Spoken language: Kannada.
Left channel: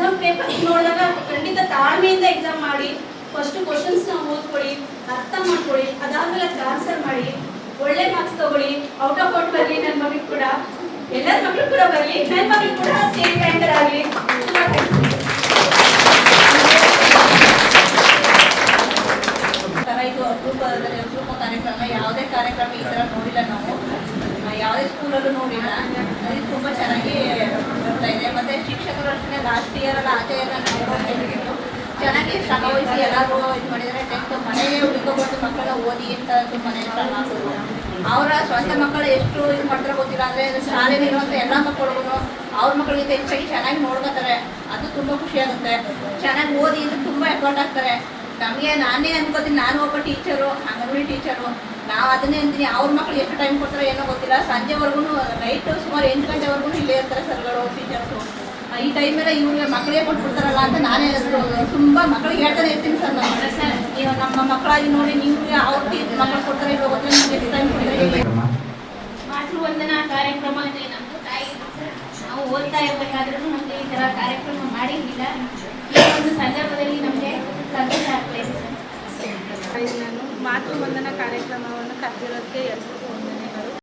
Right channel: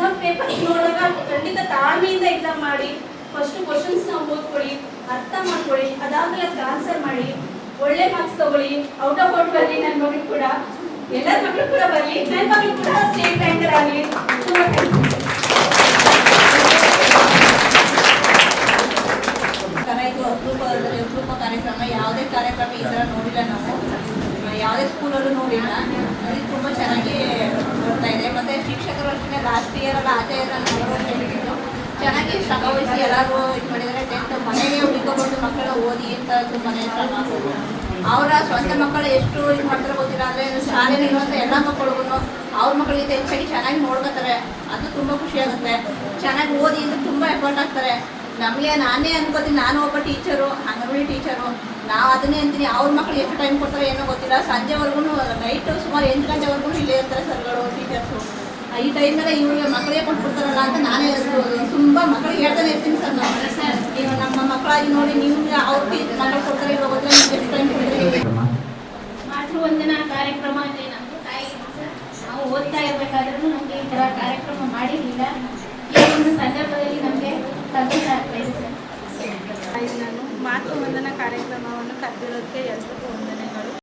ಎಕ್ಸಾಮ್ ಪೇಪರ್ ನೋಡಿದಾಗ ಖಂಡಿತ ತಾಳ್ಮೆಯಿಂದ ಎಕ್ಸಾಮ್ ಮಾಡಿ. ಫಸ್ಟ್ ಕ್ವಶನ್ಸ್ ಓದ್ಕೊಳ್ಳಿ, ಅರ್ಥ ಮಾಡ್ಕೊಳ್ಳಿ, ಅದಾದ್ಮೇಲೆ ಅದಕ್ಕೆ ಆನ್ಸರ್ ಮಾಡಿ, ಒಳ್ಳೆ ಮಾರ್ಕ್ಸ್ ತಗೊಳ್ಳಿ. ಔಟ್ ಆಫ್ ಔಟ್ ಬರಲಿ. ನನ್ನ ಮಗಳು ಕೂಡ, ಎಲ್ಲರ ಮಕ್ಕಳು ಕೂಡ ಬರಲಿ, ನನ್ನ ಮಗಳು ಕೂಡ ಸ್ಟೇಟ್ ರ್ಯಾಂಕರ್ ಆಗಲಿ. ಇದು ಅಪರೂಪ ಕಾರ್ಯಕ್ರಮ. ಯಾವುದೇ ಕಾರ್ಯಕ್ರಮ ಈ ಥರ ನೋಡಿಲ್ಲ ನಾವು, ಯಾವುದೇ ಸ್ಕೂಲಲ್ಲೂ ನೋಡಿಲ್ಲ. ಇದು ತುಂಬ ಚೆನ್ನಾಗಿ ಬರ್ತಾ ಇದೆ. ಮತ್ತು ಶಿಕ್ಷಕರು ಅಷ್ಟೇ ಲಾಸ್ಟ್ ಇಯರೆಲ್ಲ ಆಚೆ ಹೇಳಿದ್ರು ಚೆನ್ನಾಗಿ ಶ್ರಮ ವಹಿಸಿ ಎಲ್ಲರೂ ಇದು ಮಾಡಿದರೆ 10th ಮನೆಗೆ ಹುಡುಕೊಂಡು ಮಕ್ಕಳನ್ನ ಓದಿ ಅಂತ ತುಂಬಾ ಮಾಡ್ತಾರೆ. ಅವರ ಸ್ವಂತ ಮಕ್ಕಳು ಎಷ್ಟು ಇದು ಮಾಡ್ತಾರೆ ಗೊತ್ತಿಲ್ಲ. ಅಂದರೆ ಶಾಲೆಯಲ್ಲಿ ಇರುವಂಥ ಎಲ್ಲ ಮಕ್ಕಳಿಗೂ ಅವ್ರ ಮಕ್ಕಳಿಗೆ ಹೆಚ್ಚಾಗಿ ಚೆನ್ನಾಗಿ ನೋಡ್ಕೋತಾರೆ. ಅದು ತುಂಬ ಖುಷಿ ಆಗುತ್ತೆ. ಚೆನ್ನಾಗಿ ಓದಿ ಅಂದರೆ ತುಂಬ ಎಫರ್ಟ್ ಆಗ್ತಾರೆ. ನಮಗೆ ನಾನೇ ಅನ್ಕೋತೀನಿ, ನಾನು ಒಬ್ಬ ಟೀಚರು, ಅಂಗನವಾಡಿ ಟೀಚರು. ನಾವು ಅದನ್ನೇ ಅಂತೀನಿ, ಅವ್ರ ಮಕ್ಕಳು ಎಷ್ಟು ಟೈಮ್ ಕೊಡ್ತಾರೆ ಏನೋ ಗೊತ್ತಿಲ್ಲ. ಸಂಜೆವರೆಗೂ ನೈಟು ಸುಮಾರು 8 ಗಂಟೆವರೆಗೂ ಇಲ್ಲೇ ಇರ್ತಾರೆ ಸರ್ಗಳು, ಟೀಚರ್ಸು. ಈ ಟೈಮೆಲ್ಲ ಇವ್ರಿಗೆ ಮಕ್ಕಳಿಗೆ ಕೊಟ್ಬಿಡ್ತಾರಲ್ಲ ಅಂತ ನಾನೇ ತುಂಬ ಮಕ್ಕಳಿಗೆ ಹೇಳ್ತಾನೆ ಇರ್ತೀನಿ ಸರ್. ನೀವು ನಮ್ಮ ಮಕ್ಕಳಾಗಿ ನೋಡಿ, ನಿಮ್ಗೆ ಅವ್ರ ಮಕ್ಕಳು ಕೊಡ್ತಾರೆ ಇಲ್ಲ ಹೋದ್ರೆ ನಿಮ್ಗೆ ಎಷ್ಟು ಟೈಮ್ ಕೊಡ್ತಾರೆ. ಮಾತೃವಂದನಾ ಕಾರ್ಯಕ್ರಮ ಅಂದರೆ ನಮ್ಮದು ತಾಯಿ ಸರ್. ನಾವು ಓದ್ತಾ ಇರಬೇಕಾದ್ರೂ ನಮಗೆ ಈ ಥರ ಕಾರ್ಯಕ್ರಮ ಮಾಡಿರಲಿಲ್ಲ. ಈ ಒಂದು ಸಂದರ್ಭದಲ್ಲಿ ನಮಗೆ ಸಂತೋಷ ಆಗ್ತಾ ಇದೆ ಸರ್. ನಾನು ಮಾತೃವಂದನಾ ಕಾರ್ಯಕ್ರಮವನ್ನು ಕರೆದಿರೋದಕ್ಕೆ